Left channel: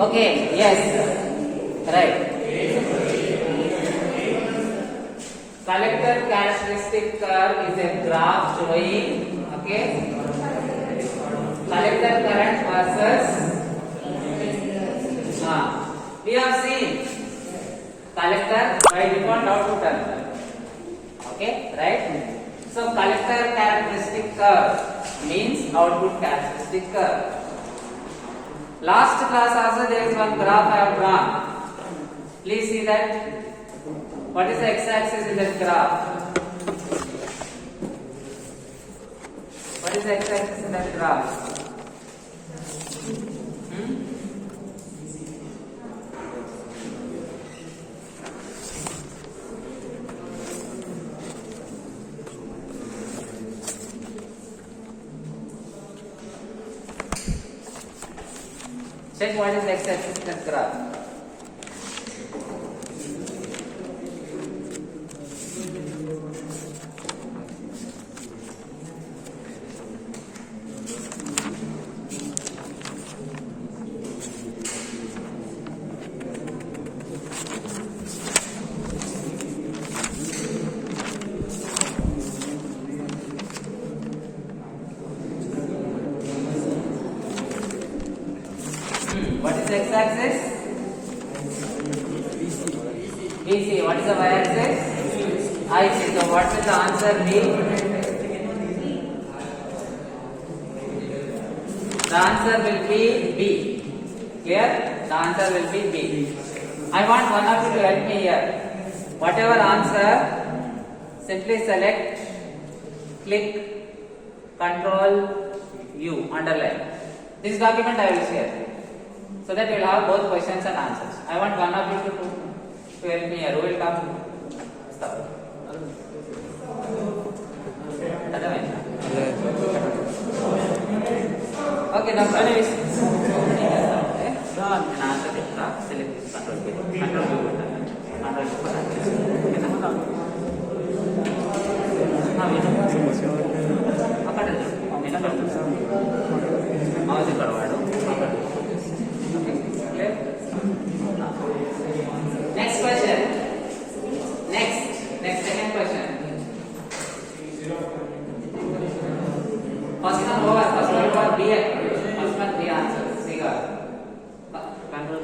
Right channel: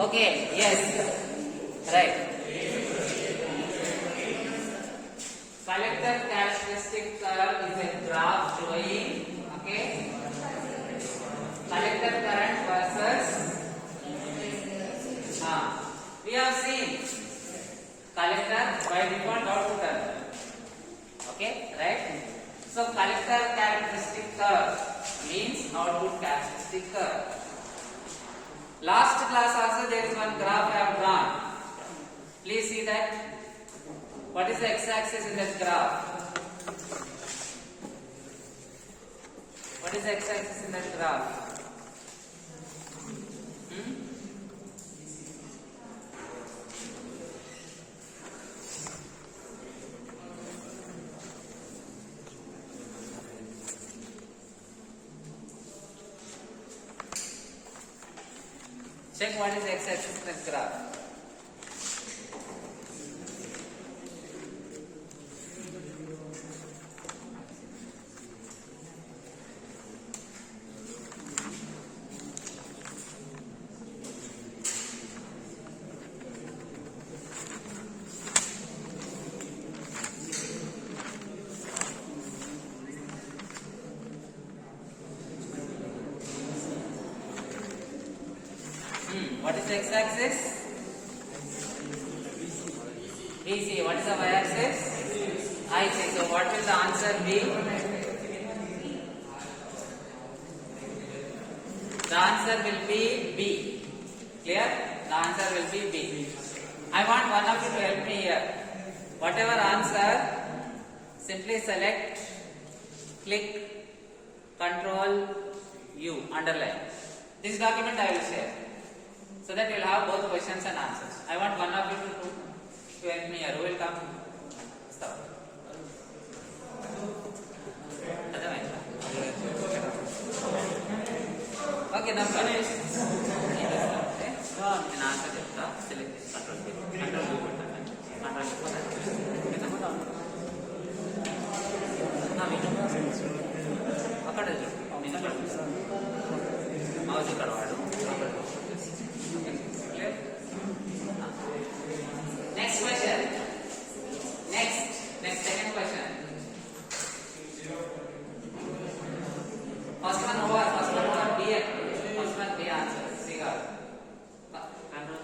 Okay, yes, right. Collector characteristic curve is a graph showing, okay, collector current versus, we have seen collector by default output current, okay, right. So collector characteristic curve means output characteristic curve. Last class also there is one graph I have drawn. Please see that. What is the x-axis in this graph? What is the x-axis in that graph? Check what is x-axis in this graph. What is the x-axis? BC. What is the y-axis? IC. So what will the answer be? The answer will be B. Clear? The answer will be B. I want one of you to help me here. Whatever answer, simply select, click, Control U, underline. This document I will share, so that you will have both questions and answers. I want one of you to help me here. Who will come? Stop. Okay, now finish. And answer it. Select this control. Next question. Next second question. First one over B. First one B answer. Control.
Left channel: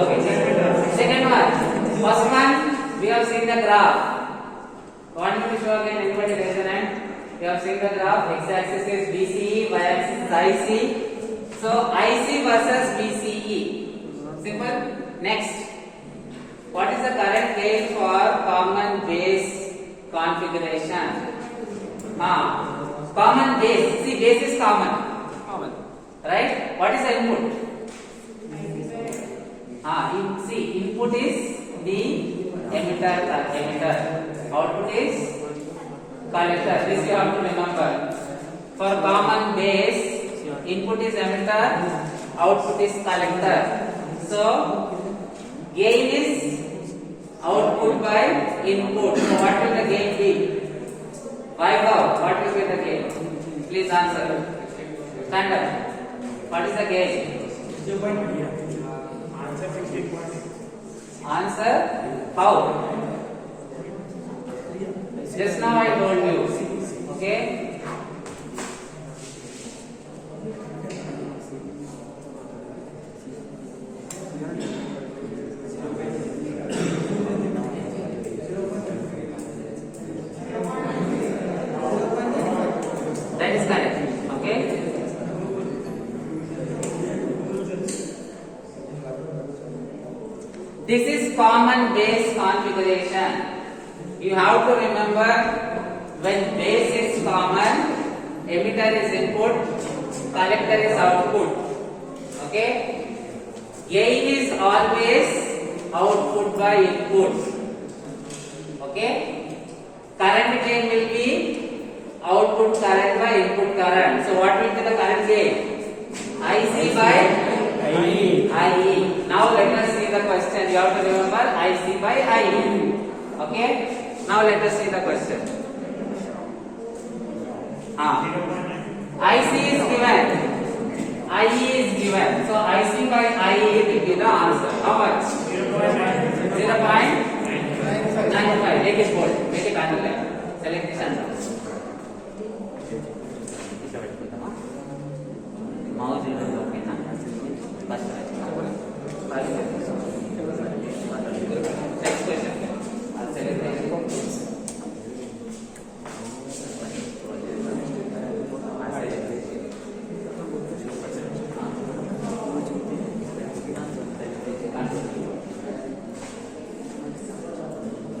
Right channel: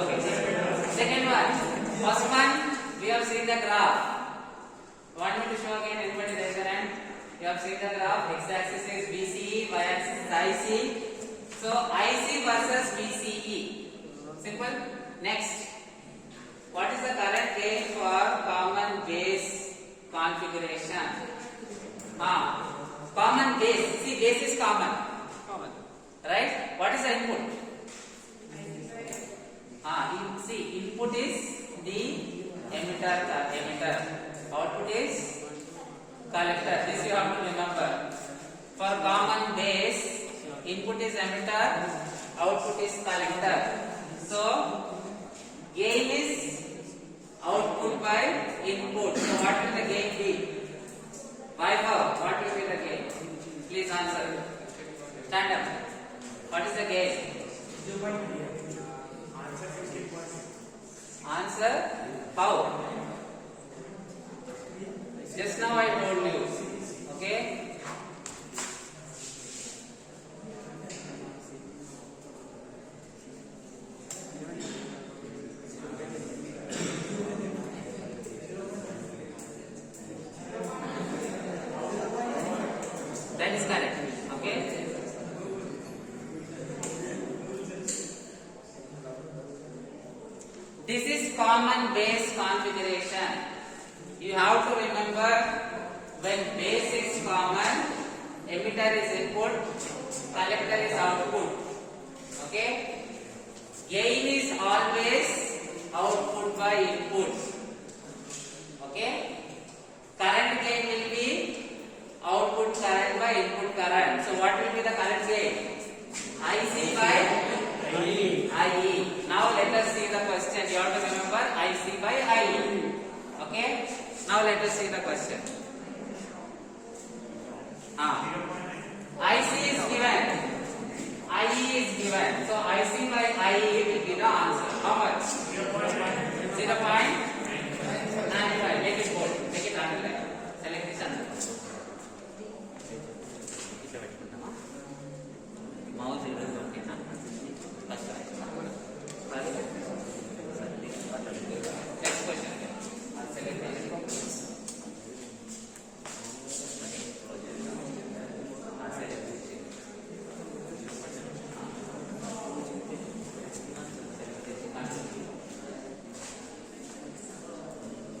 Okay. Second one. First one we have seen the graph. Want me to show again? Everybody raise your hand. We have seen the graph. X-axis is BCE, y-axis is IC. So IC versus BCE. Simple. Next. What is the current gain for common base configuration? Common base. See, base is common. Right? What is the input? See, input is the emitter. Output is collector. This you have to remember. For common base, input is emitter, output is collector. So gain is output by input. So what will the gain be? Vaibhav, what will be the gain? Please answer. Stand up. What is the gain? Answer 60.6. Answer how? Just now I told you. Okay? That is correct. Okay? This is common base configuration. You have to remember, when base is common, emitter is input, collector is output. Okay? Gain is always output by input. Okay? Current gain will be output current by input current. So what will be the current gain? IC by IE. Now let us see the question. You have to remember IC by IE. Okay? Now let us see the question. IC is given IC by IE will be the answer. How much? 0.95. Make it bold. Make it underline. Select this and mouse will be okay. Next question. I'll select it.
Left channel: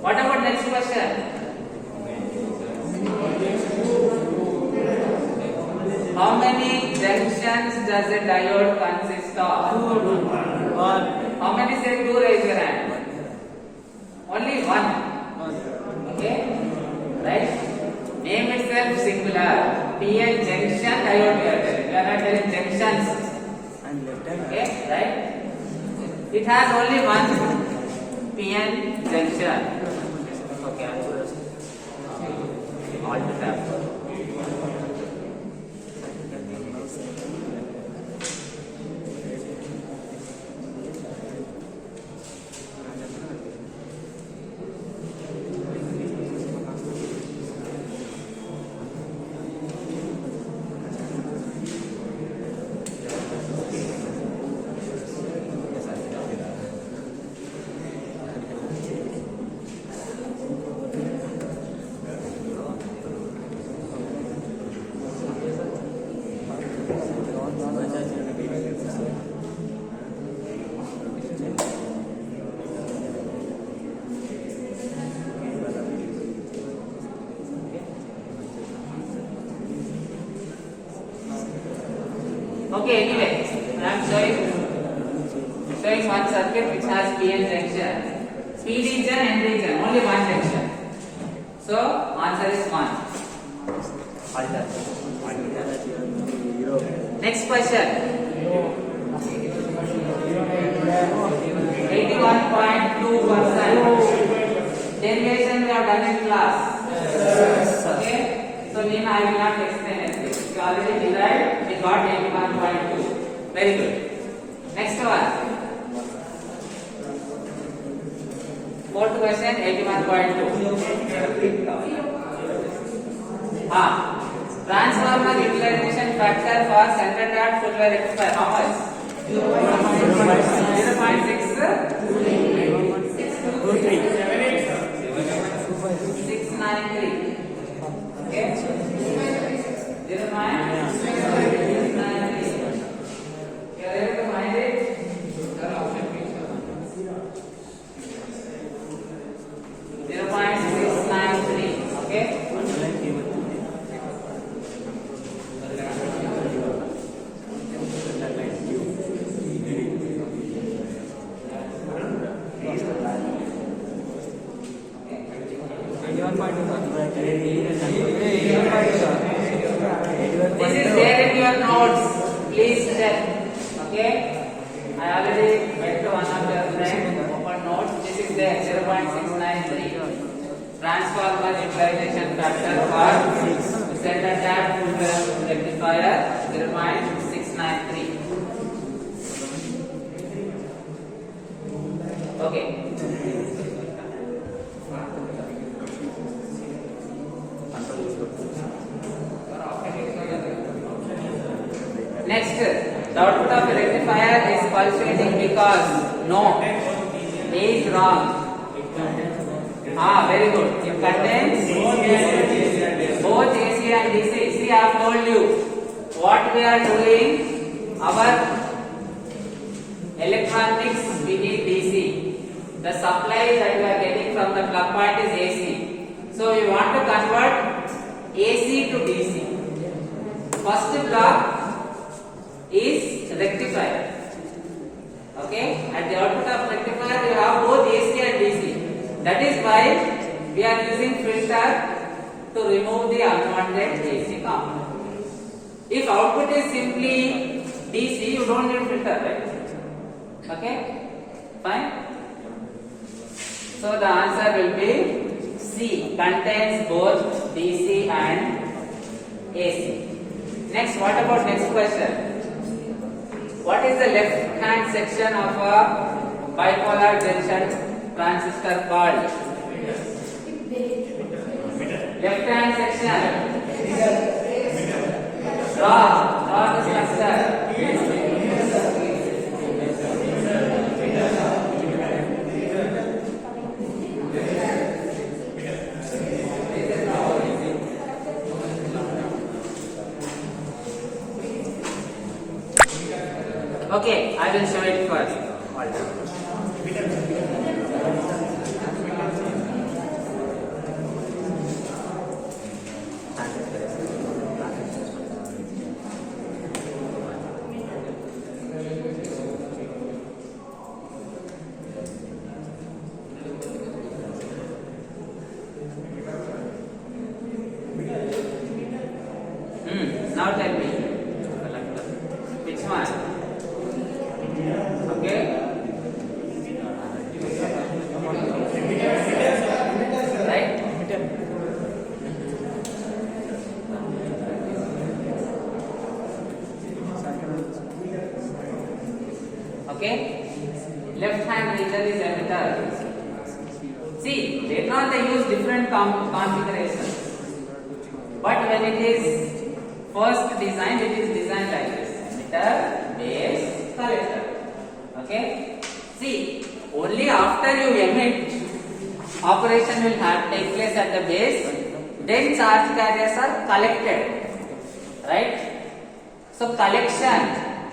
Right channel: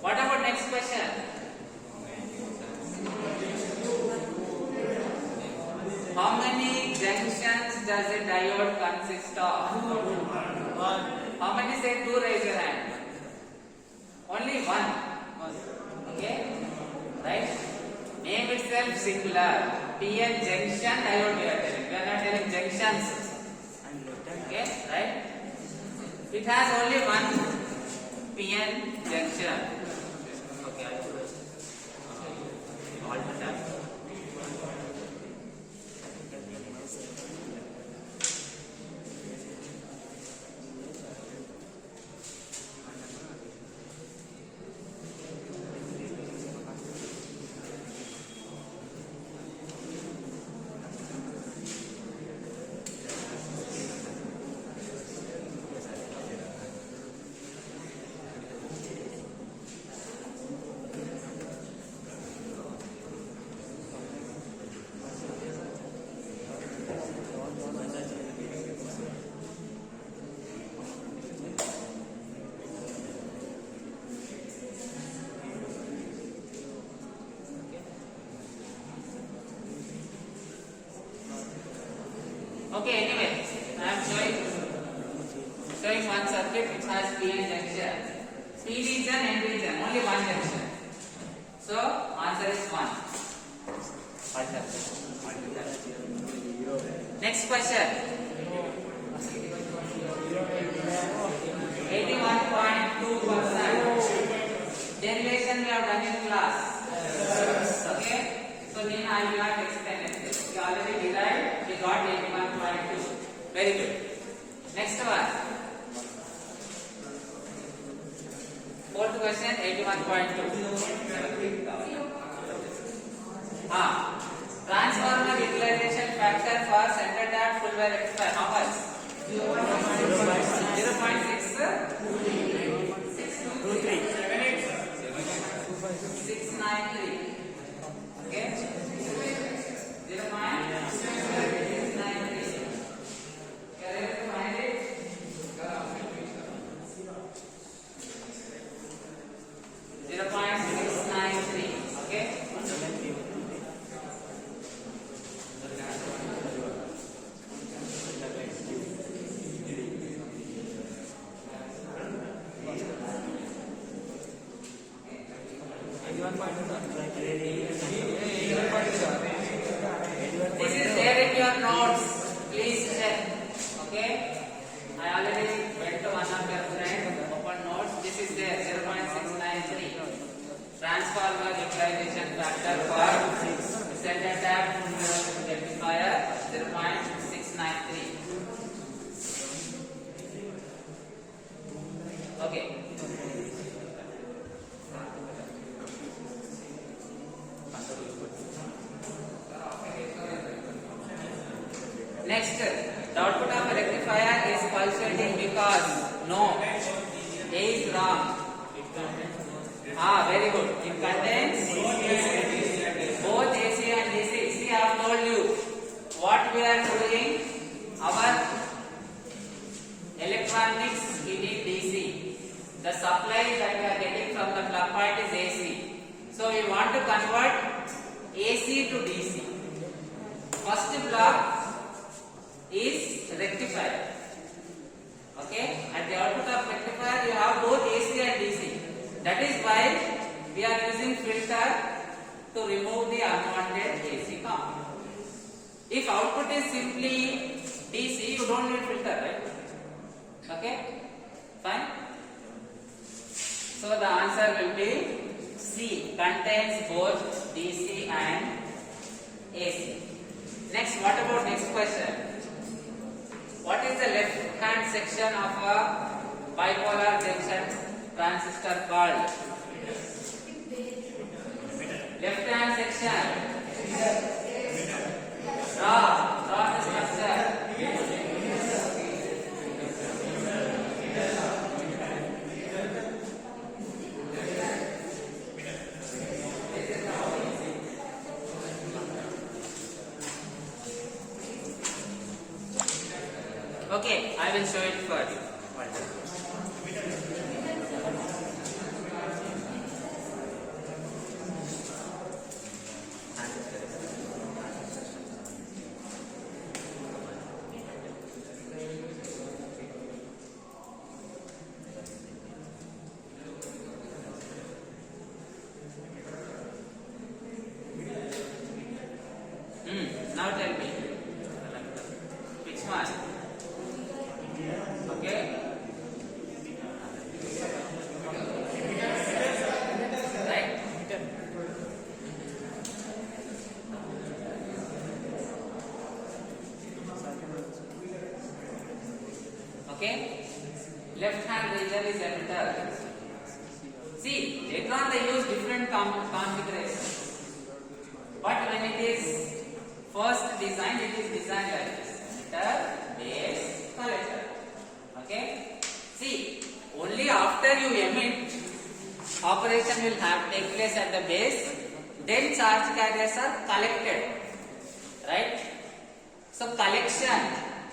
What about next question? How many junctions does a diode consist of? How many say two? Raise your hand. Only one. Okay? Right? Name itself singular. PN junction diode we are telling. We are not telling junctions. Okay? Right? It has only one PN junction. Okay. All the time. Okay, anyway, I am showing one circuit which has PN junction. P region, N region, only one junction. So, answer is 1. Next question. 81.2%. Derivation we have done in class. Okay? So, I will not explain it. You already derived, we got 81.2. Very good. Next one. Fourth question, 81.2. Transformer utilization factor for center dot full wire rectifier. How much? 0.693. Okay? 0.693. You are able to find it? 0.693. Okay? This is there in your notes. Please check. Okay? I already went to one of your friends. Open notes. This is there. 0.693. Transformer utilization factor for center tap full wave rectifier 0.693. Okay. Next, the output of a rectifier is pulsating because no, A is wrong. Very good. It contains both AC and DC. See, I have told you what we are doing. Our electronics we need DC. The supply that we are getting from the plug part is AC. So we want to convert AC to DC. First block is rectifier. Okay, at the output of rectifier we have both AC and DC. That is why we are using filter to remove the unwanted AC component. If output is simply DC, you don't need filter, right? Okay, fine. So the answer will be C, contains both DC and AC. Next, what about next question? What is the left hand section of a bipolar junction transistor called? Left hand section. Draw the structure. Okay, I will show it first. Now tell me, which one? Okay. Right? Okay. Left hand region is emitter. See, later on they use different configurations. But when it is first designed, it is designed like this: emitter, base, collector. Okay. See, only after you emit, operation will take place at the base. Then charge carriers are collected. Right. So collection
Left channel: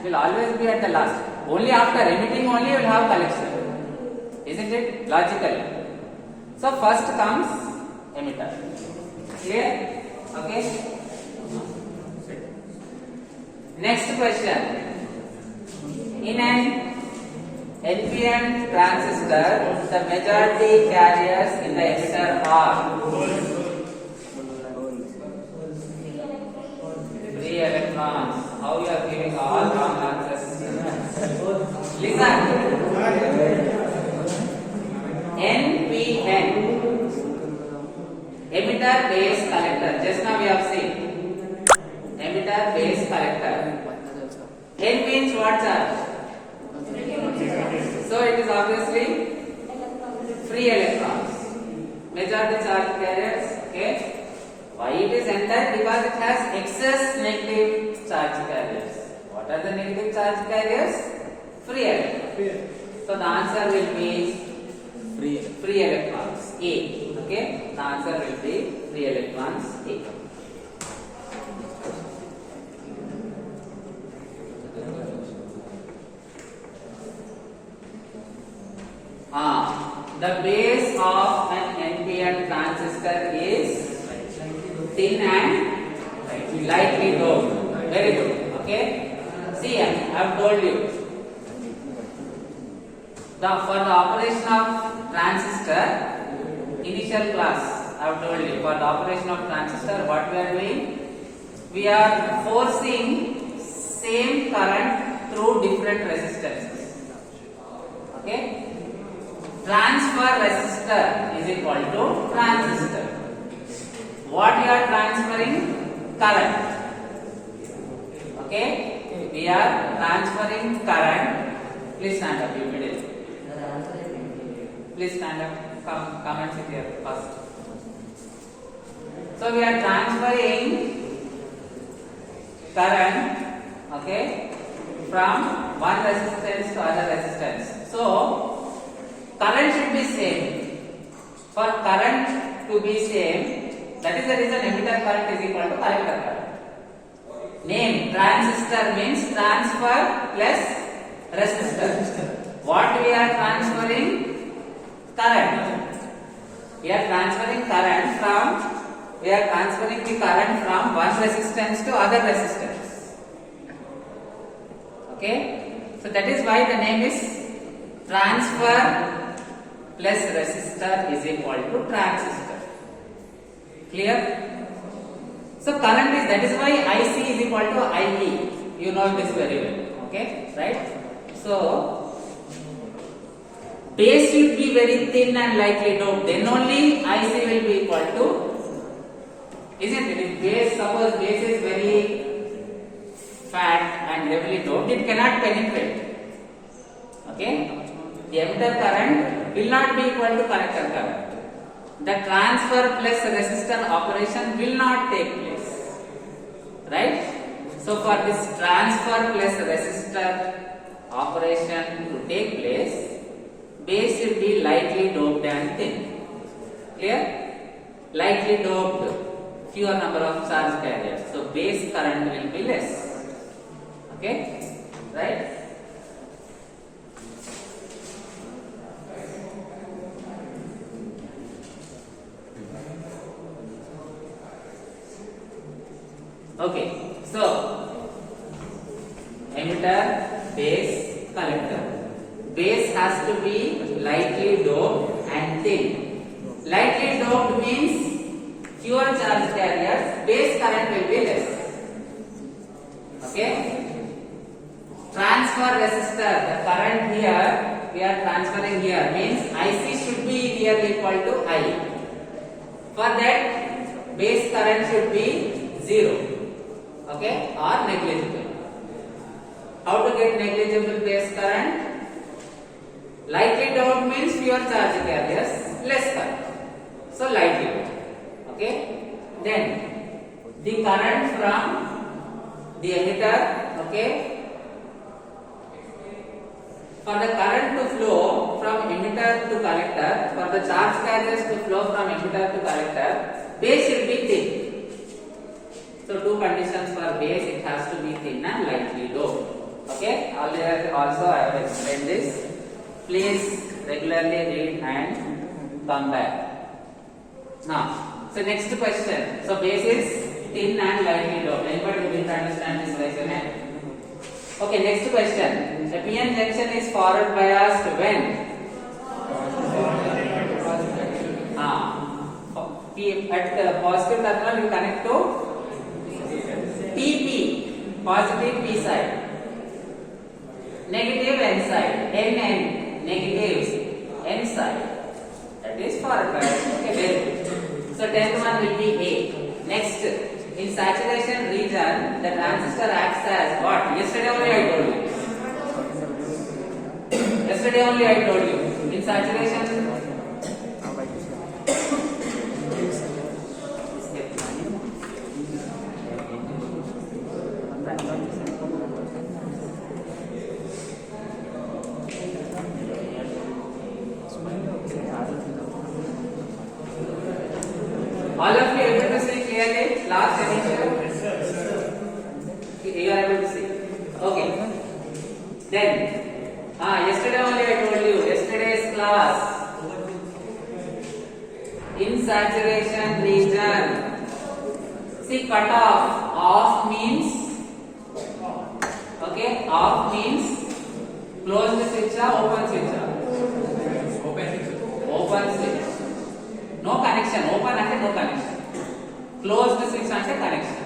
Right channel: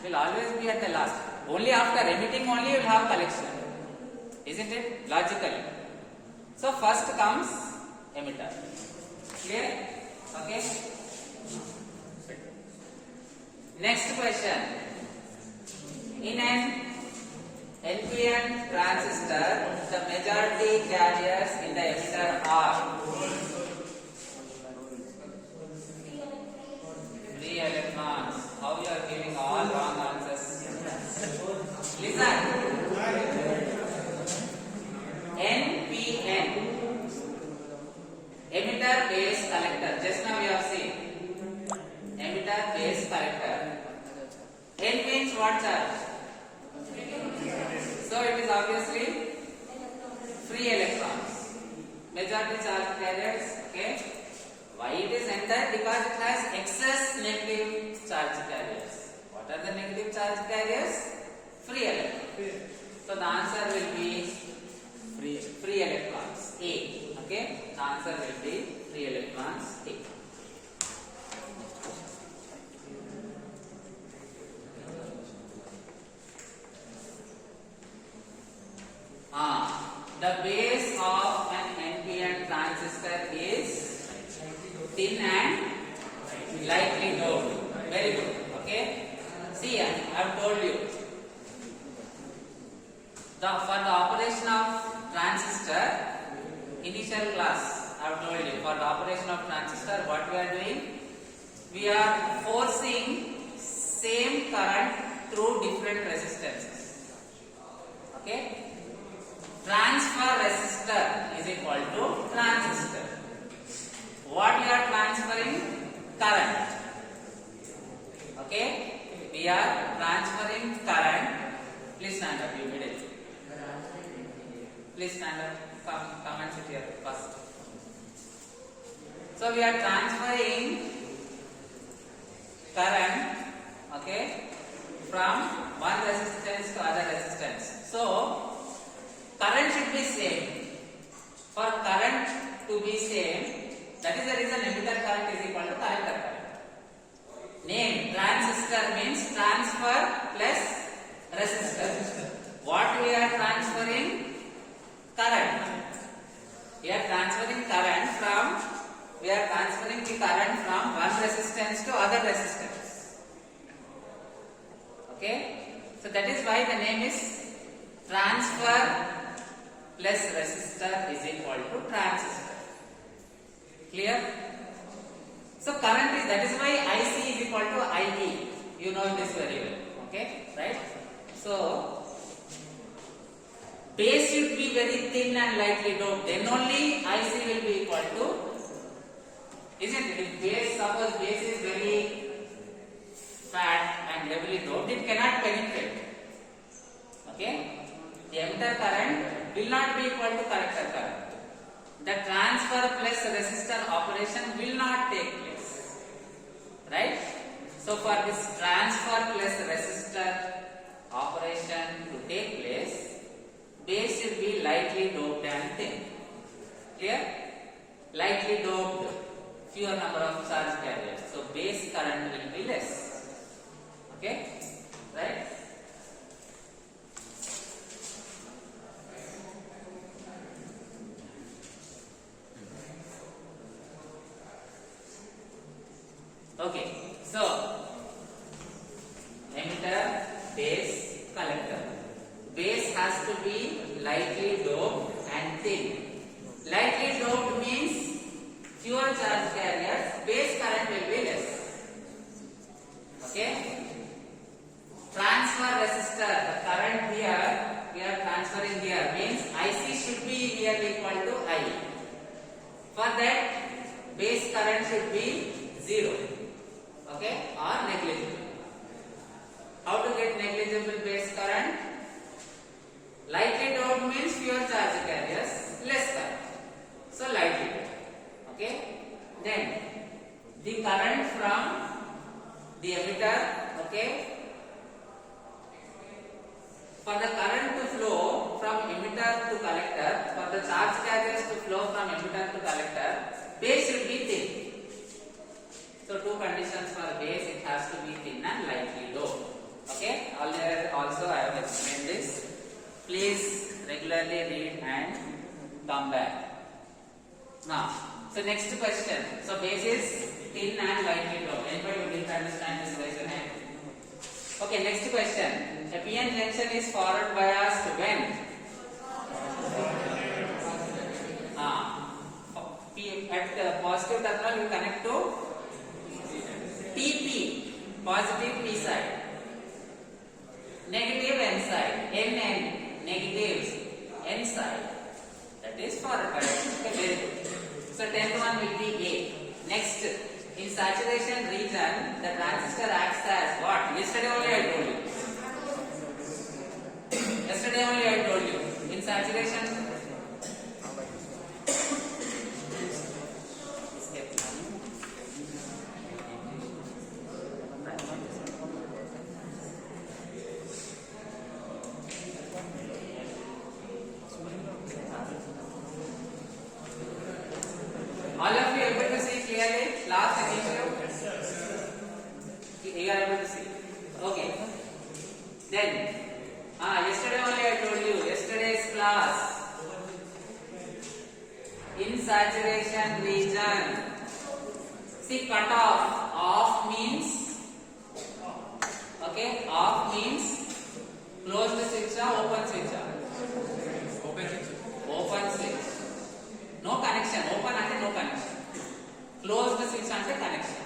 will always be at the last. Only after emitting only you will have collection. Isn't it logical? So first comes emitter. Clear? Okay. Next question. In an NPN transistor, the majority carriers in the emitter are 3 electrons. How you are giving all wrong answers? Listen. NPN. Emitter, base, collector. Just now we have seen. Emitter, base, collector. N means what charge? So it is obviously free electrons. Majority charge carriers. Okay. Why it is entered? Because it has excess negative charge carriers. What are the negative charge carriers? Free electrons. So the answer will be free electrons. A. Okay. The answer will be free electrons. A. The base of an NPN transistor is thin and lightly doped. Very good. Okay. See, I have told you. For the operation of transistor, initial class, I have told you. For the operation of transistor, what we are doing? We are forcing same current through different resistances. Okay. Transfer resistor is equal to transistor. What we are transferring? Current. Okay? We are transferring current. Please stand up immediately. Please stand up. Come and sit here first. So we are transferring current, okay, from one resistance to other resistance. So current should be same. For current to be same, that is the reason emitter current is equal to collector current. Name transistor means transfer plus resistor. What we are transferring? Current. We are transferring current from one resistance to other resistance. Okay? So that is why the name is transfer plus resistor is equal to transistor. Clear? So current is, that is why IC is equal to IE. You know this very well. Okay? Right? So base should be very thin and lightly doped. Then only IC will be equal to, isn't it? If base, suppose base is very fat and heavily doped, it cannot penetrate. Okay? The emitter current will not be equal to collector current. The transfer plus resistor operation will not take place. Right? So for this transfer plus resistor operation to take place, base should be lightly doped and thin. Clear? Lightly doped, fewer number of charge carriers. So base current will be less. Okay? Right? Okay, so emitter, base, collector. Base has to be lightly doped and thin. Lightly doped means fewer charge carriers, base current will be less. Okay? Transfer resistor, the current here, we are transferring here, means IC should be here equal to I. For that, base current should be 0. Okay, or negligible. How to get negligible base current? Lightly doped means fewer charge carriers, less current. So lightly doped. Okay. Then the current from the emitter. Okay. For the current to flow from emitter to collector, for the charge carriers to flow from emitter to collector, base should be thin. So two conditions for base, it has to be thin and lightly doped. Okay, also I have explained this. Please regularly read and come back. Now, so next question. So base is thin and lightly doped. Anybody who didn't understand this, raise your hand. Okay, next question. A PN junction is forward biased when? At the positive terminal you connect to PP, positive P side, negative N side, NN, negative N side. That is forward bias. Okay, very good. So 10th one will be A. Next, in saturation region, the transistor acts as what? Yesterday only I told you. Yesterday only I told you. In saturation. All of you able to see clearly last edition? You are able to see. Okay. Then, yesterday only I told you, yesterday's class. In saturation region, see cutoff. Off means, okay, off means closed switch or open switch? Open switch. No connection. Open and no connection. Closed switch and connection.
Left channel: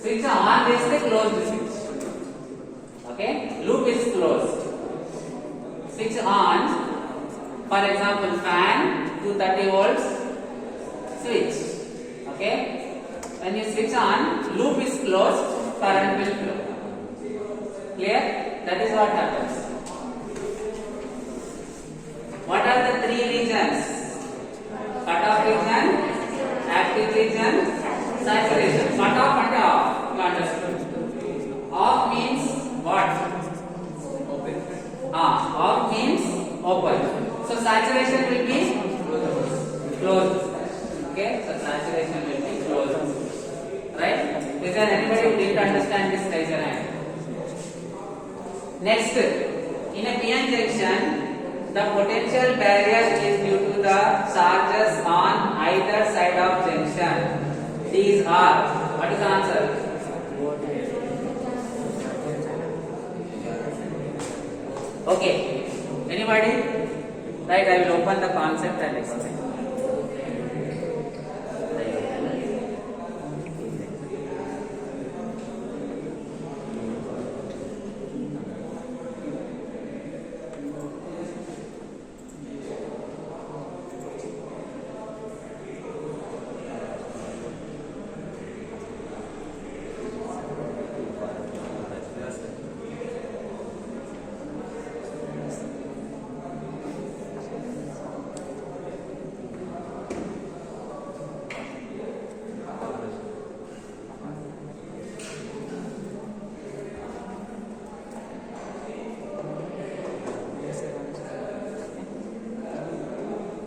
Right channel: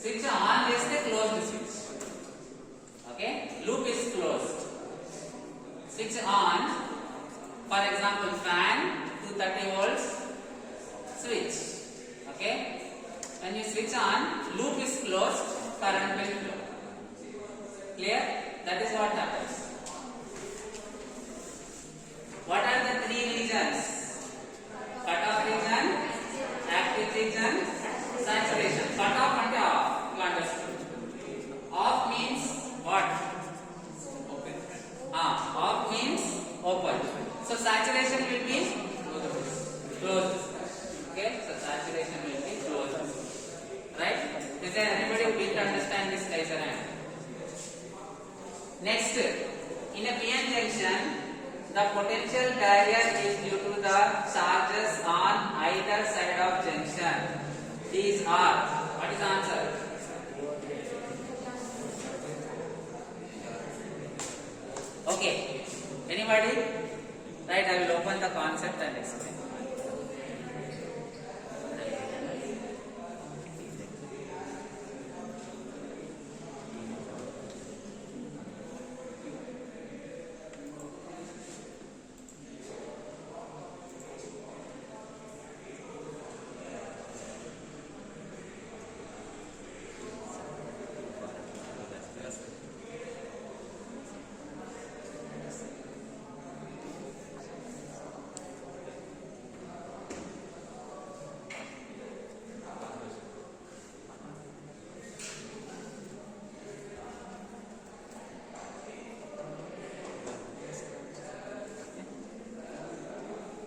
Switch on is the closed switch. Okay, loop is closed. Switch on. For example, fan 230 volts. Switch. Okay. When you switch on, loop is closed. Current will flow. Clear? That is what happens. What are the three regions? Cutoff region, active region, saturation. Cutoff and off. You understood? Off means what? Off means open. So saturation will be closed. Okay? So saturation will be closed. Right? Is there anybody who didn't understand this? Raise your hand. Next, in a PN junction, the potential barrier is due to the charges on either side of junction. These are, what is the answer? Okay, anybody? Right, I will open the concept and explain.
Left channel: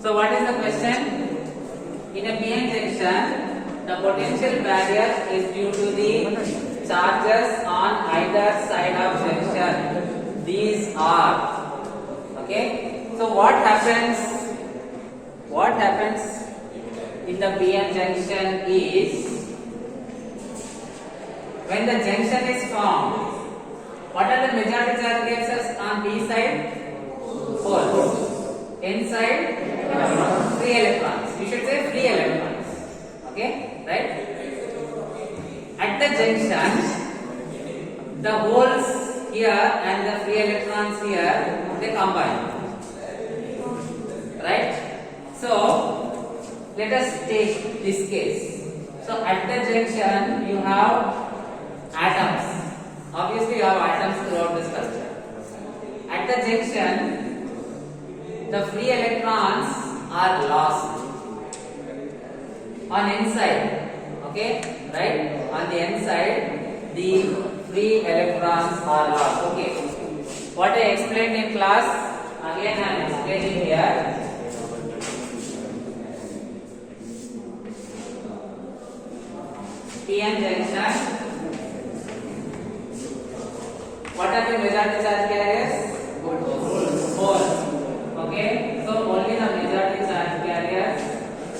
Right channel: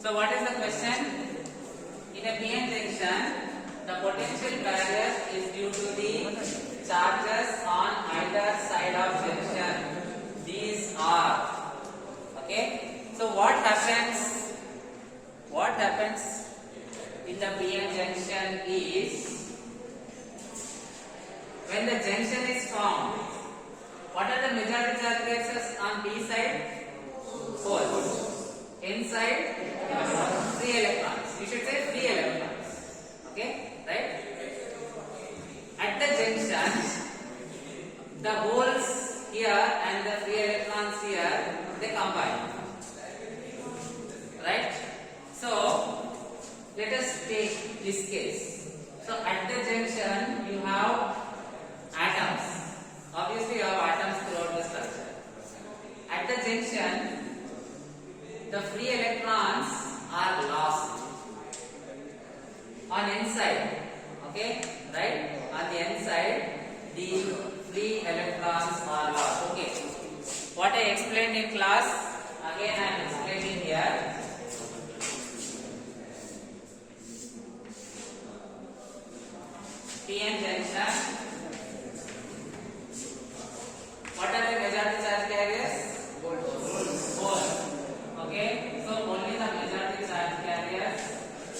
So what is the question? In a PN junction, the potential barrier is due to the charges on either side of junction. These are, okay. So what happens? What happens in the PN junction is when the junction is formed. What are the majority charge gases on P side? 4. N side, free electrons. You should say free electrons. Okay, right? At the junction, the holes here and the free electrons here, they combine. Right? So, let us take this case. So, at the junction, you have atoms. Obviously, you have atoms throughout the structure. At the junction, the free electrons are lost on N side, okay, right? On the N side, the free electrons are lost. Okay, what I explained in class, again I am explaining here. PN junction. What are the majority charge carriers? Holes. Okay, so only the majority charge carriers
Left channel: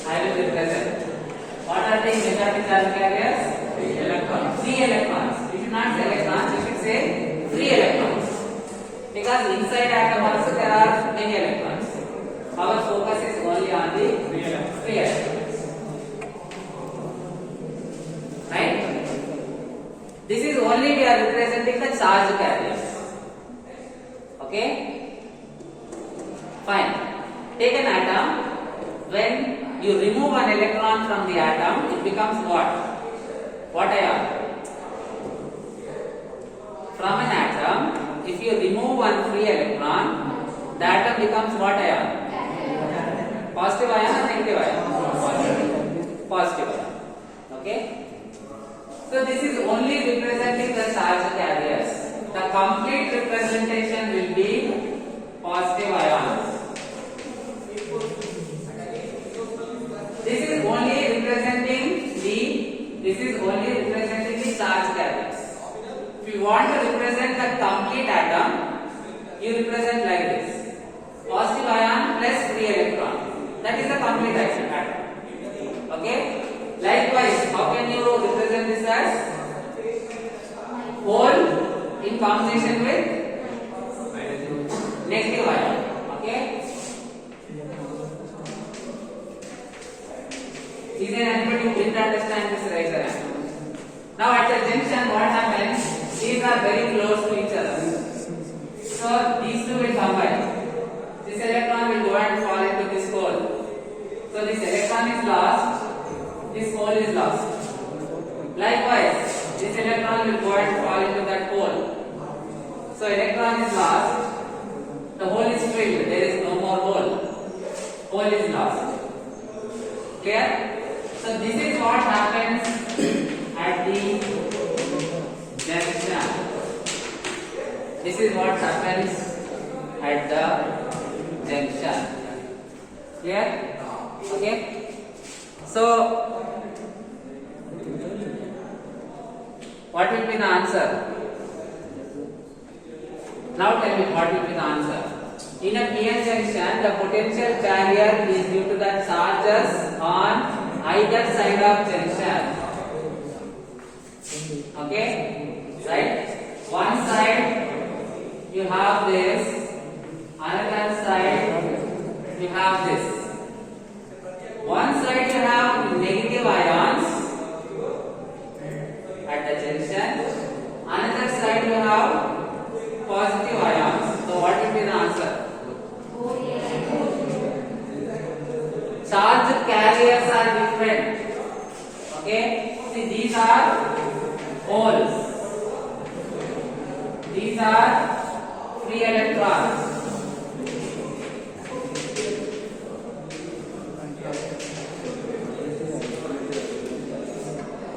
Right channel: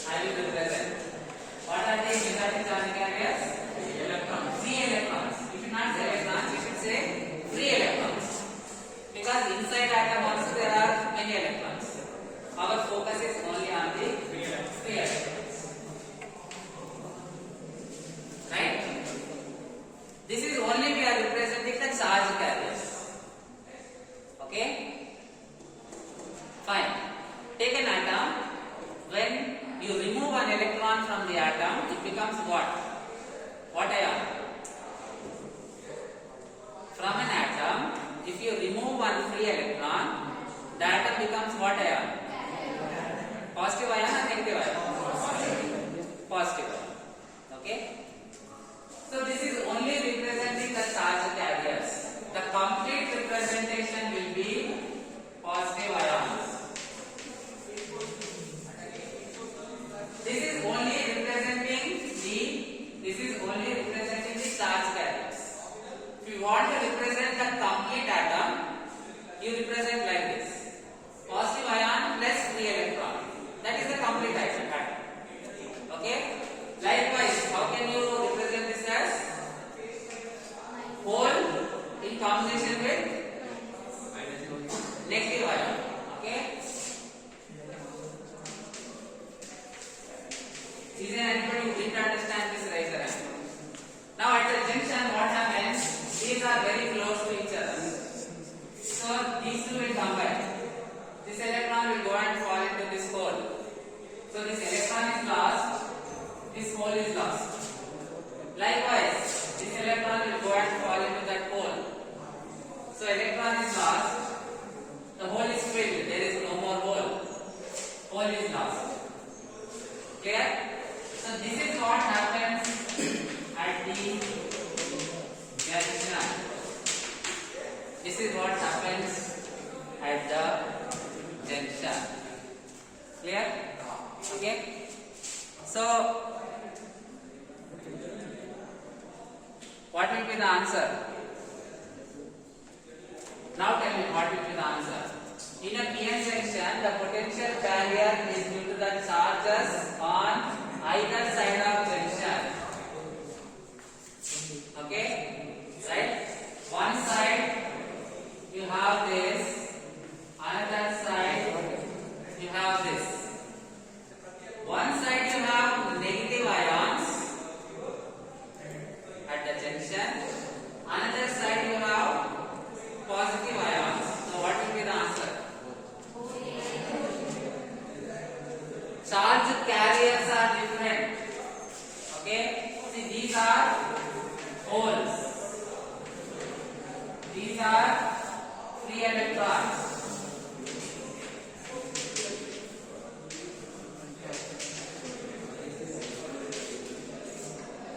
I will represent. What are the majority charge carriers? Electrons. Free electrons. You should not say electrons, you should say free electrons. Because inside atom also there are many electrons. Our focus is only on the free electrons. Right? This is only we are representing the charge carriers. Okay? Fine. Take an atom. When you remove an electron from the atom, it becomes what? What ion? From an atom, if you remove one free electron, the atom becomes what ion? Positive ion or negative ion? Positive ion. Okay? So this is only representing the charge carriers. The complete representation will be positive ions. This is only representing the charge carriers. If you want to represent the complete atom, you represent like this: positive ion plus free electron. That is the complete atom. Okay. Likewise, how can you represent this as hole in combination with negative ion? Okay. Is there anybody who didn't understand this? Raise your hand. Now at the junction, what happens? These are very close to each other. So these two will combine. This electron will go and fall into this hole. So this electron is lost. This hole is lost. Likewise, this electron will go and fall into that hole. So electron is lost. The hole is filled. There is no more hole. Hole is lost. Clear? So this is what happens at the junction. This is what happens at the junction. Clear? Okay? So what will be the answer? Now tell me what will be the answer. In a PN junction, the potential barrier is due to the charges on either side of junction. Okay? Right? One side you have this, another side you have this. One side you have negative ions at the junction, another side you have positive ions. So what will be the answer? Charge carriers are different. Okay? See, these are holes. These are free electrons.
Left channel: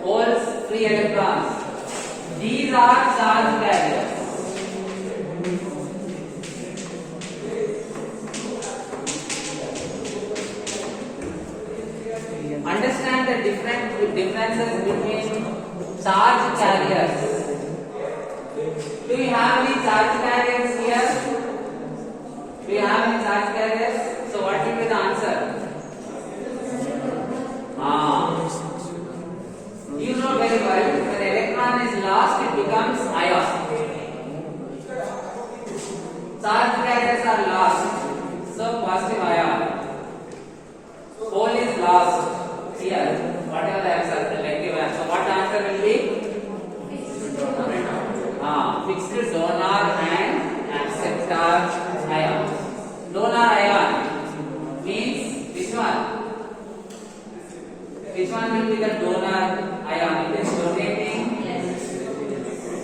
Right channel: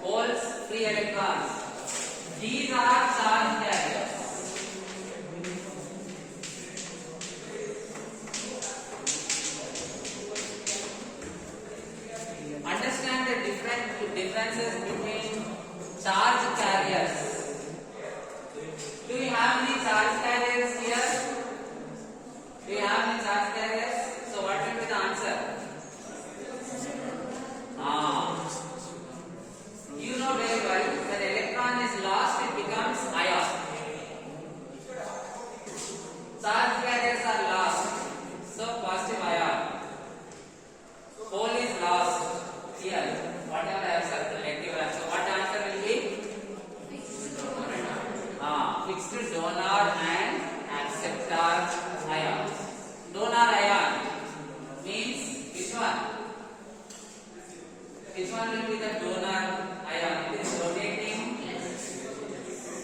Holes, free electrons. These are charge carriers. charge carriers. Do we have any charge carriers here? Do you have any charge carriers? So what will be the answer? You know very well, when electron is lost, it becomes ion. Charge carriers are lost, so positive ion. Hole is lost here. Whatever I have circled, negative ion. So what answer will be? Fixed donor and acceptor ion. Donor ion means which one? Which one will be the donor ion? It is rotating.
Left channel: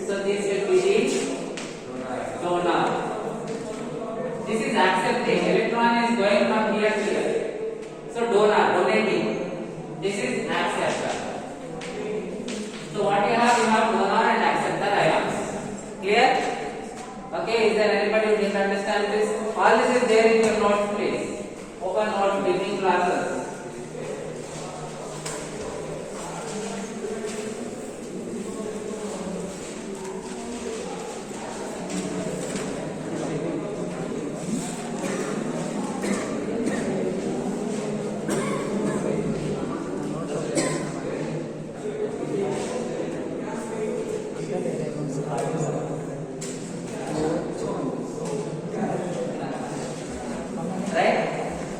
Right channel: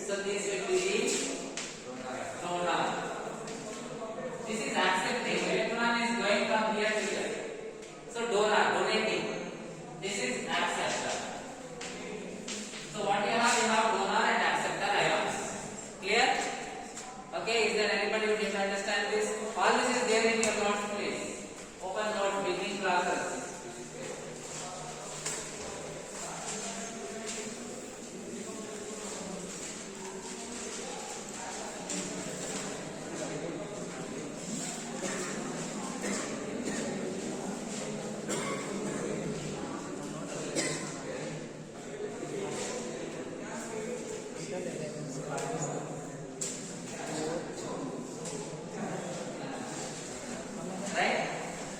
So this will be the donor. This is accepting. Electron is going from here to here. So donor, donating. This is acceptor. So what you have? You have donor and acceptor ions. Clear? Okay, is there anybody who didn't understand this? All this is there in your notes, please. Open notes, beginning classes. Right?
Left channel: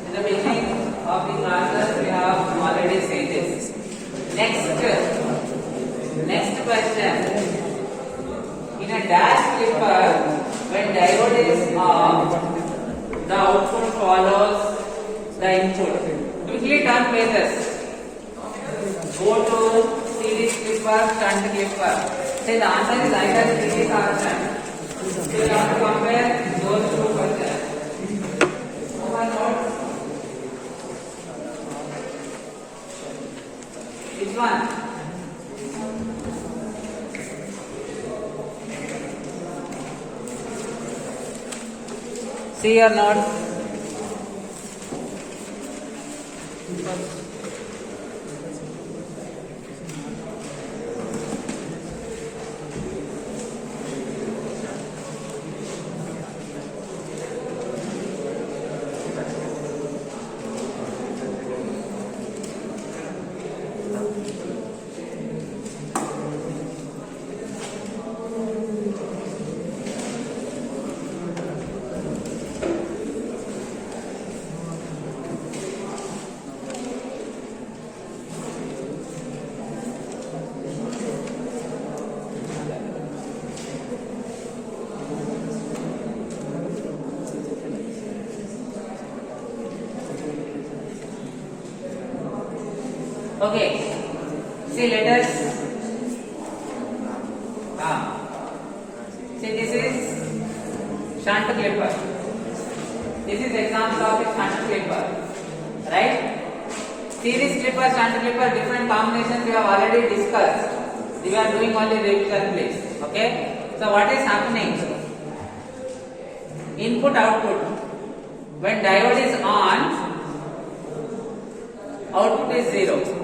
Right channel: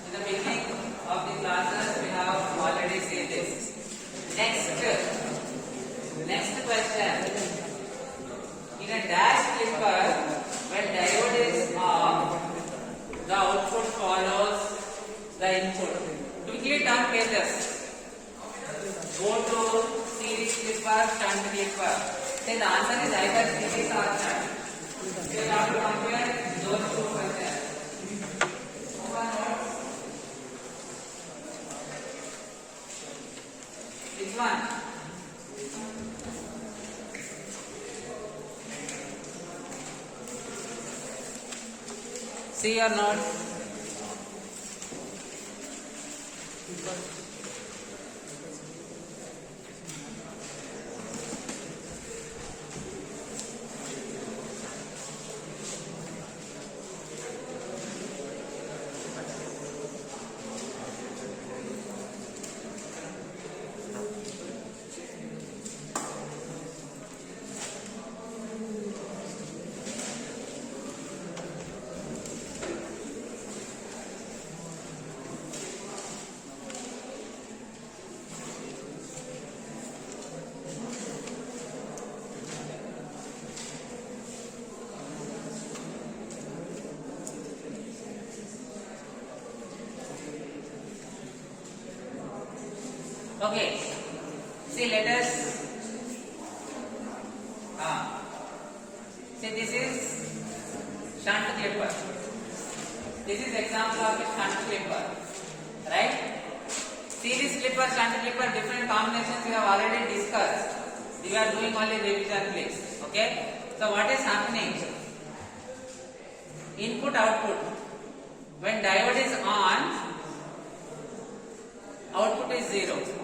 In the beginning of the classes, we have already said this. Next question. In a dash clipper, when diode is off, the output follows the input. Quickly turn pages. Go to series clipper, shunt clipper. Say the answer is either series or shunt. So you have to compare those two questions. Which one? See your notes. Okay. See, let us. See, this is shunt clipper. This is example of a shunt clipper, right? Series clipper, shunt clipper, different combinations we have already discussed. We are doing only revision, please. Okay. So what is happening? Input output. When diode is on, output is 0.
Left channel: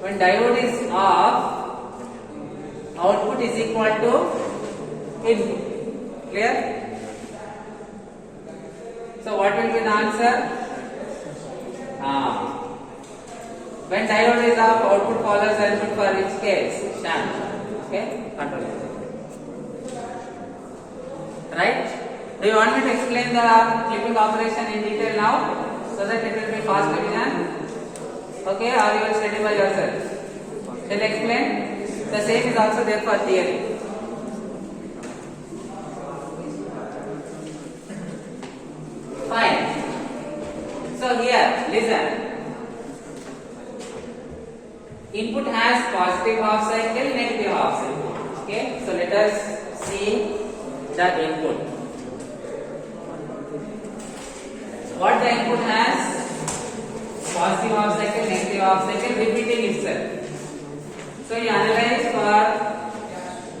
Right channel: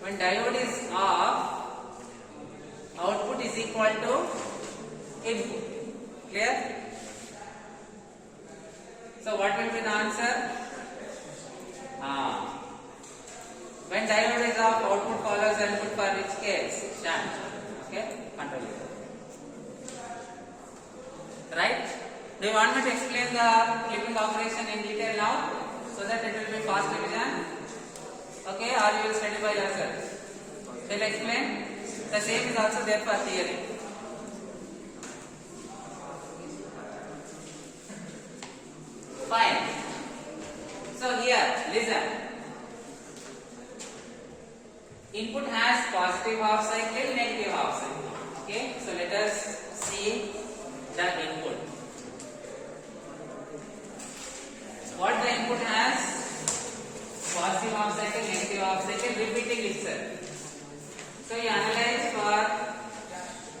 When diode is off, output is equal to input. Clear? So what will be the answer? When diode is off, output follows the input for each case. Shunt. Okay? Control it. Right? Do you want me to explain the clipping operation in detail now? So that it will be fast division? Okay, or you will study by yourself? Then explain. The same is also there for theory. Fine. So here, listen. Input has positive half cycle, negative half cycle. Okay, so let us see the input. What the input has? Positive half cycle, negative half cycle, repeating itself. So you analyze for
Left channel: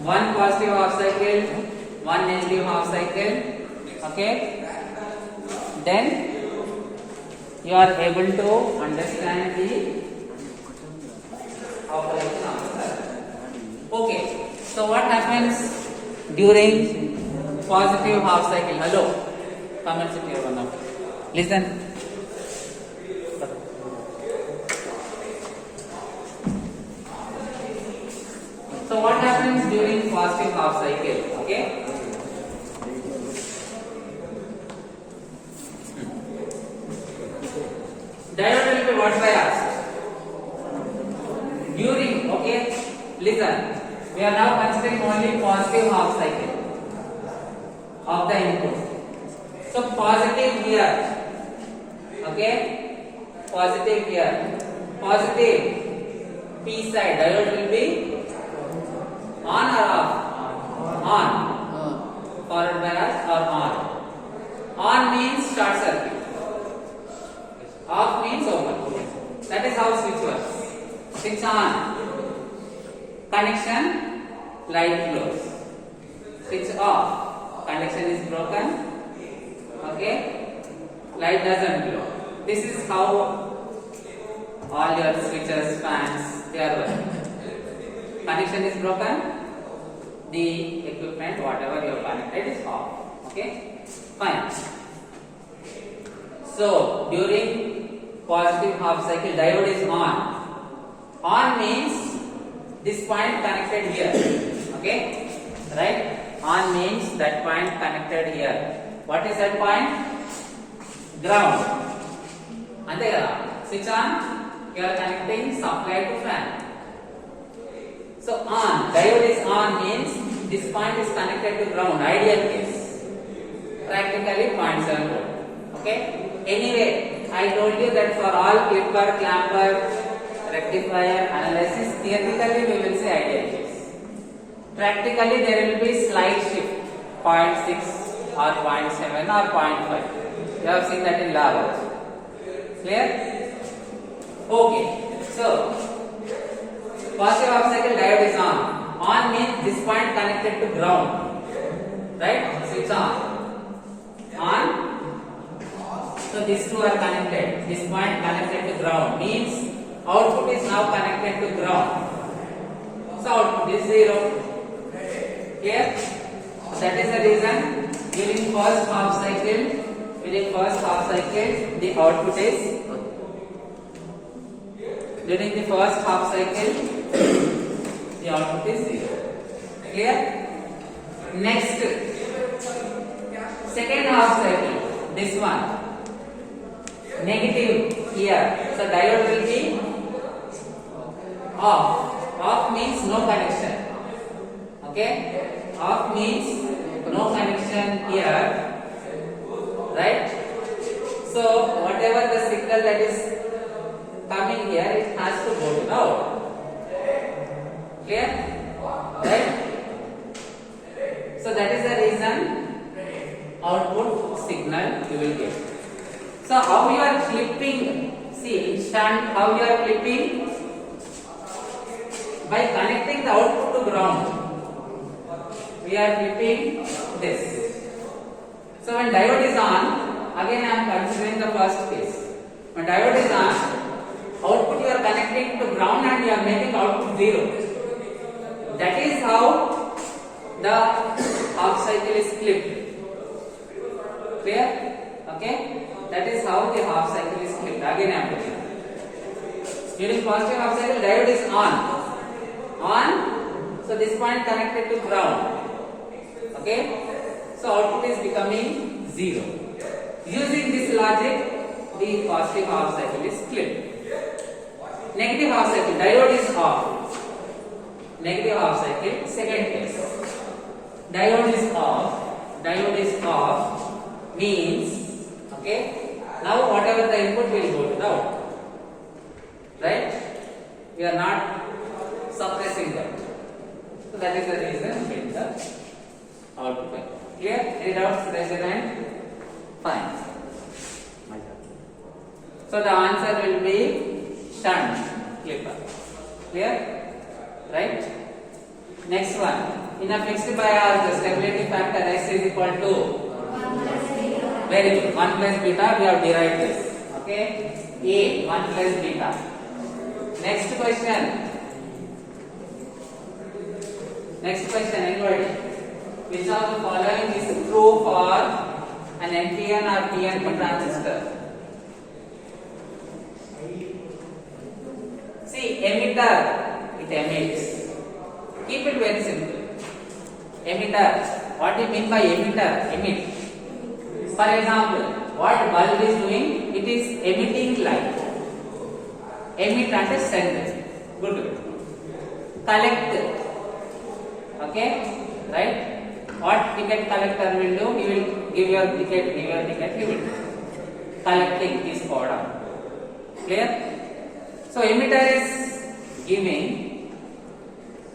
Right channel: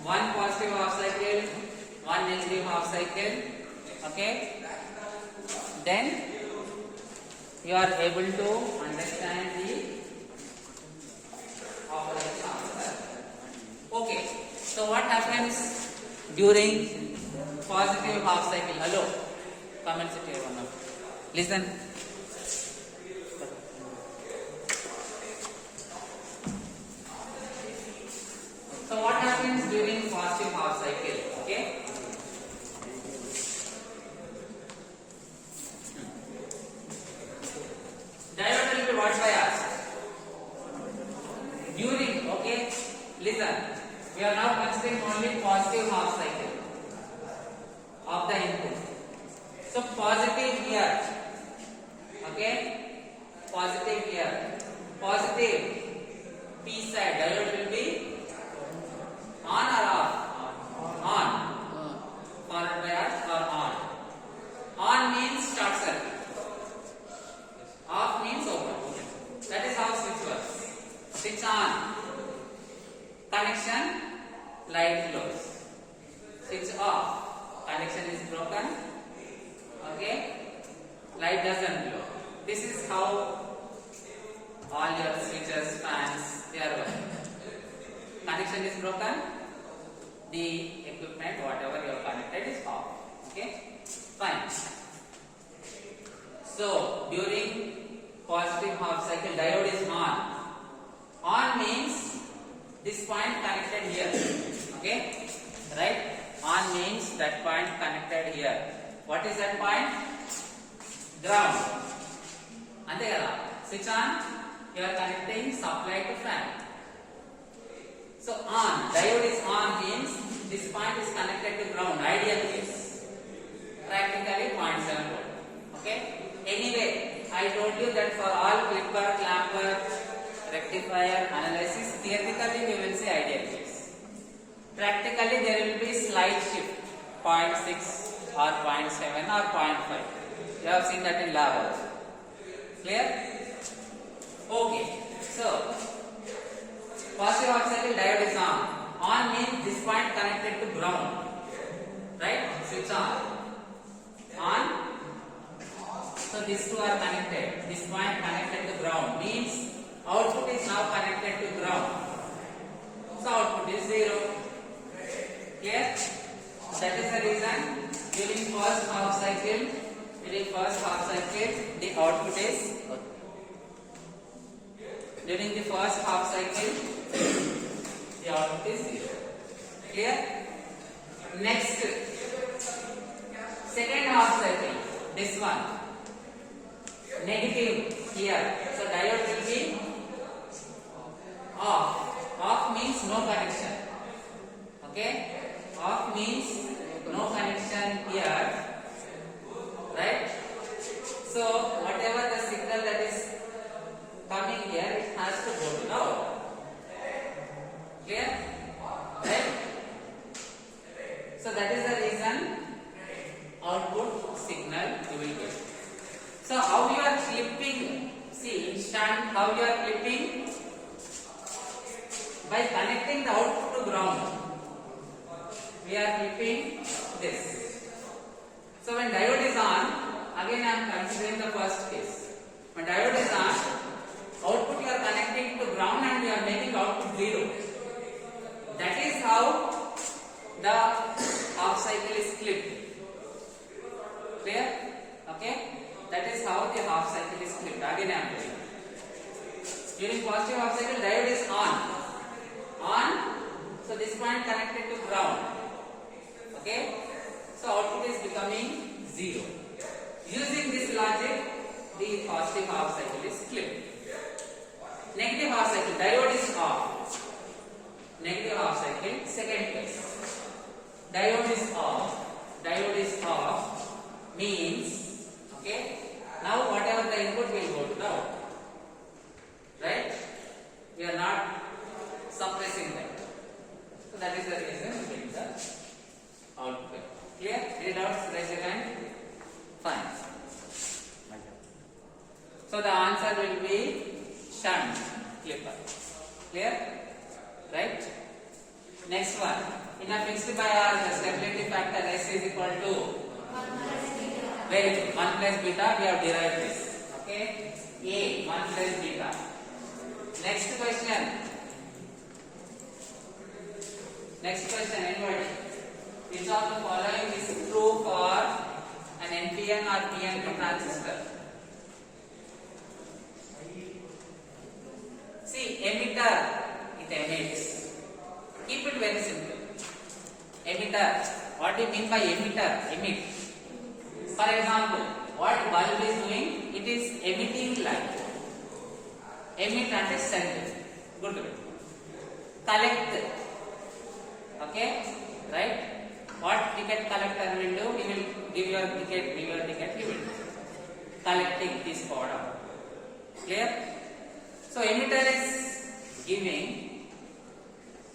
one positive half cycle, one negative half cycle. Okay. Then you are able to understand the operation of the circuit. So what happens during positive half cycle? Hello, comments if you have now. Listen. So what happens during positive half cycle? Okay. Diode will be what by us? During, okay, listen, we are now considering only positive half cycle of the input. So positive here, okay, positive here, positive P side diode will be on or off? On. Forward bias or on? On means short circuit. Off means open. That is how switch works. Switch on. Connection, light flows. Switch off. Connection is broken. Okay. Light doesn't glow. This is how all your switches, fans, they are working. Connection is broken. The equipment, whatever you have connected, is off. Okay. Fine. So during positive half cycle, diode is on. On means this point connected here. Okay, right? On means that point connected here. What is that point? Ground. Ante kada. Switch on. You are connecting supply to fan. So on, diode is on means this point is connected to ground. Ideal case. Practically 0.7 volt. Okay. Anyway, I told you that for all clipper, clamper, rectifier analysis, theoretically we will say ideal case. Practically there will be slight shift, 0.6 or 0.7 or 0.5. You have seen that in lab also. Clear? Okay. So, positive half cycle diode is on. On means this point connected to ground. Right? Switch on. On. So these two are connected. This point connected to ground means output is now connected to ground. So output is 0. Clear? That is the reason during first half cycle, the output is during the first half cycle, the output is 0. Clear? Next, second half cycle, this one. Negative here. So diode will be off. Off means no connection. Okay? Off means no connection here. Right? So whatever the signal that is coming here, it has to go to the out. Clear? Right? So that is the reason output signal you will get. So how you are clipping? See, in shunt, how you are clipping? By connecting the output to ground. We are clipping this. So when diode is on, again I am considering the first case. When diode is on, output you are connecting to ground and you are making output 0. That is how the half cycle is clipped. Clear? Okay? That is how the half cycle is clipped. Again I am telling. During positive half cycle, diode is on. On. So this point connected to ground. Okay. So output is becoming 0. Using this logic, the positive half cycle is clipped. Negative half cycle, diode is off. Negative half cycle, second case. Diode is off. Diode is off means, okay, now whatever the input will go to the output. Right? We are not suppressing that. So that is the reason we get the output. Clear? Any doubts? Raise your hand. Fine. So the answer will be shunt clipper. Clear? Right? Next one. In a fixed bias, the stability factor S is equal to, very good, 1 plus beta. We have derived this. Okay? A 1 plus beta. Next question. Next question, anybody? Which of the following is true for an NPN or PNP transistor? See, emitter, it emits. Keep it very simple. Emitter. What do you mean by emitter? Emit. For example, what bulb is doing? It is emitting light. Emit and send. Good. Collect. Okay? Right? What ticket collector will do? He will give your ticket, he will collecting this product. Clear? So emitter is giving,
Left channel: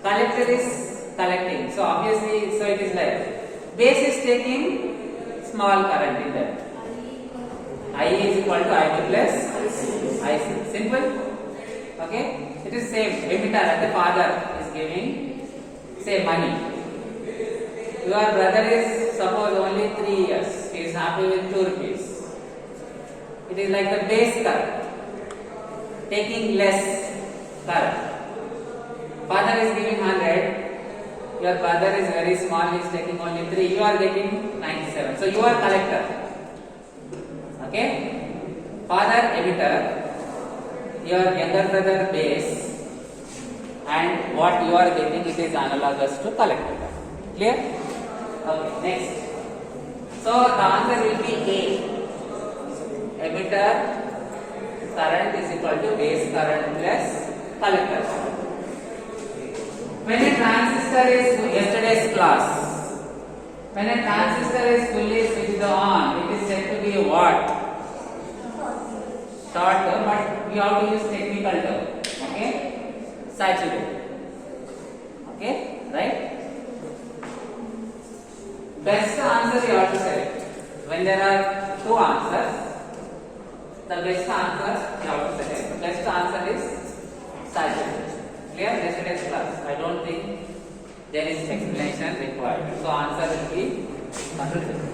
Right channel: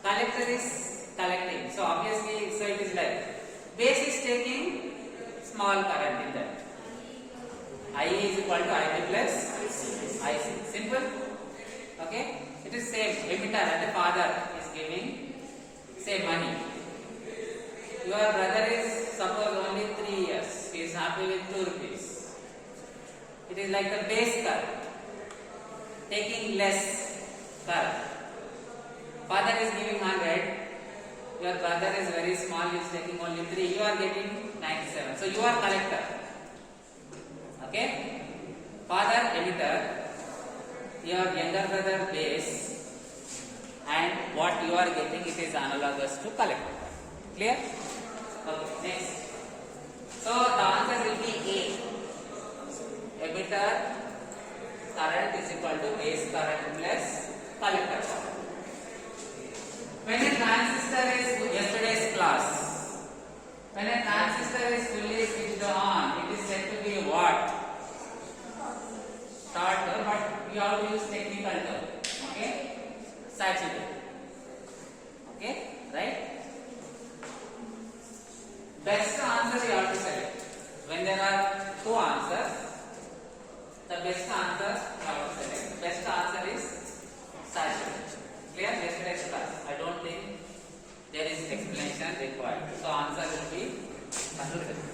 collector is collecting. So obviously, so it is like base is taking small current in that. I is equal to I plus IC. Simple. Okay? It is same. Emitter at the father is giving, say, money. Your brother is suppose only 3 years. He is happy with 2 rupees. It is like the base current, taking less current. Father is giving 100. Your brother is very small. He is taking only 3. You are getting 97. So you are collector. Okay? Father emitter. Your younger brother base, and what you are getting, it is analogous to collector. Clear? Okay, next. So the answer will be A. Emitter current is equal to base current plus collector current. When a transistor is, yesterday's class, when a transistor is fully switched on, it is said to be what? Short term, but we have to use technical term. Okay? Saturated. Okay? Right? Best answer you have to select. When there are 2 answers, the best answer you have to select. The best answer is saturated. Clear? Yesterday's class. I don't think there is explanation required. So answer will be saturated.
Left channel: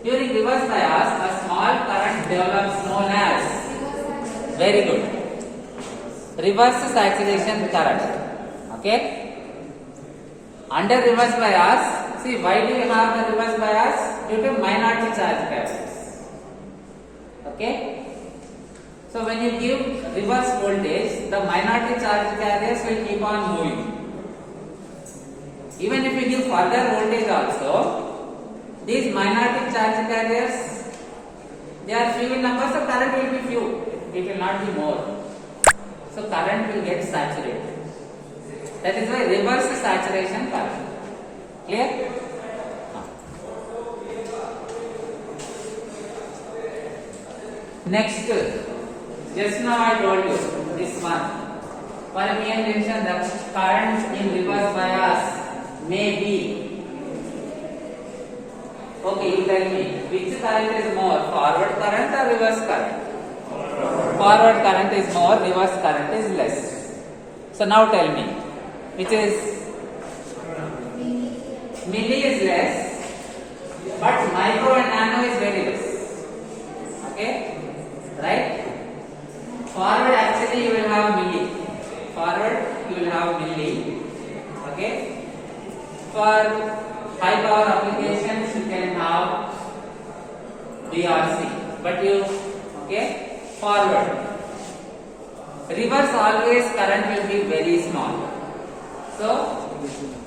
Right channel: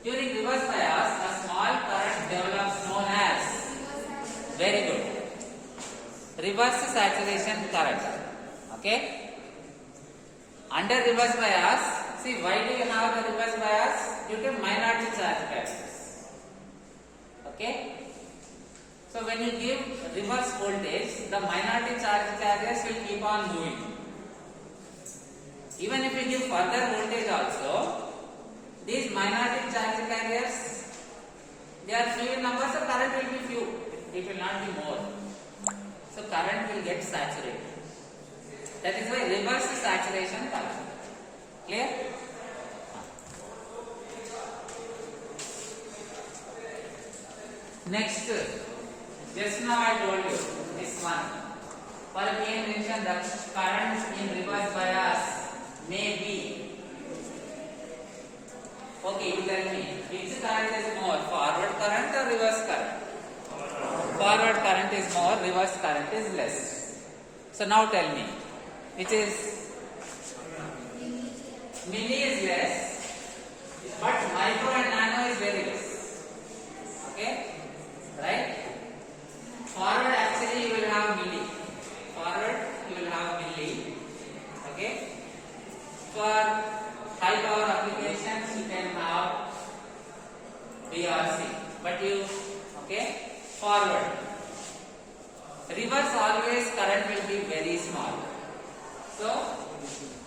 During reverse bias, a small current develops known as, very good, reverse saturation current. Okay? Under reverse bias, see, why do you have the reverse bias? Due to minority charge carriers. Okay? So when you give reverse voltage, the minority charge carriers will keep on moving. Even if you give further voltage also, these minority charge carriers, they are few in number, so current will be few. It will not be more. So current will get saturated. That is why reverse saturation current. Clear? Next, just now I told you this one. For PN junction, the current in reverse bias may be. Okay, you tell me, which current is more, forward current or reverse current? Forward current is more, reverse current is less. So now tell me, which is, milli is less, but micro and nano is very less. Okay? Right? Forward actually you will have milli. Forward you will have milli. Okay? For high power applications you can have VRC, but you, okay, forward. Reverse always current will be very small. So,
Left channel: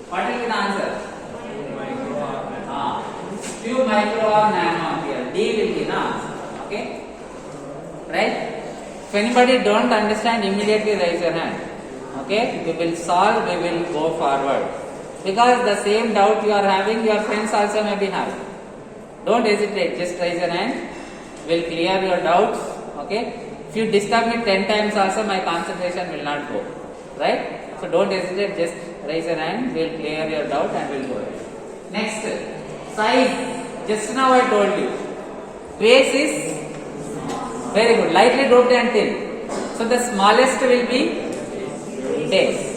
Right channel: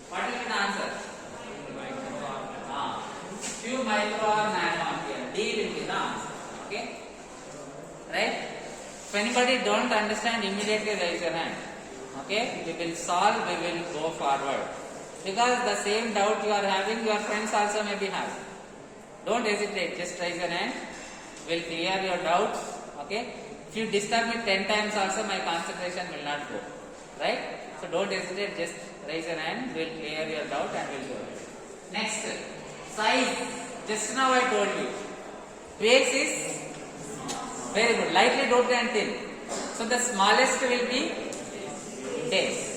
what will be the answer? Few micro or nano ampere. D will be the answer. Okay? Right? If anybody don't understand, immediately raise your hand. Okay? We will solve, we will go forward. Because the same doubt you are having, your friends also may be having. Don't hesitate, just raise your hand. We'll clear your doubts. Okay? If you disturb me 10 times also, my concentration will not go. Right? So don't hesitate, just raise your hand. We'll clear your doubt and we'll go ahead. Next, size. Just now I told you. Base is very good, lightly doped and thin. So the smallest will be base.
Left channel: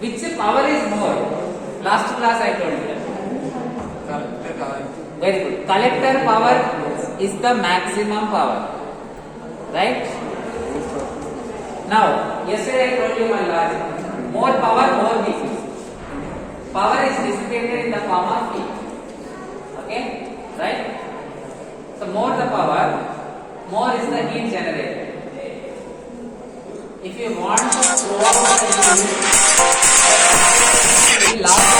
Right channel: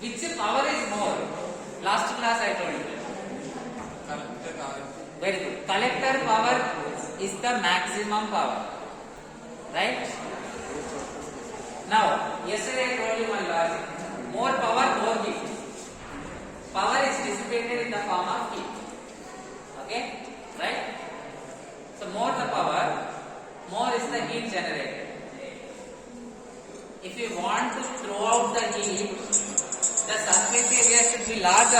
Which power is more? Last class I told you. Very good. Collector power is the maximum power. Right? Now, yesterday I told you one logic. More power, more heat. Power is dissipated in the form of heat. Okay, right? So more the power, more is the heat generated. If you want to throw out the heat, we lost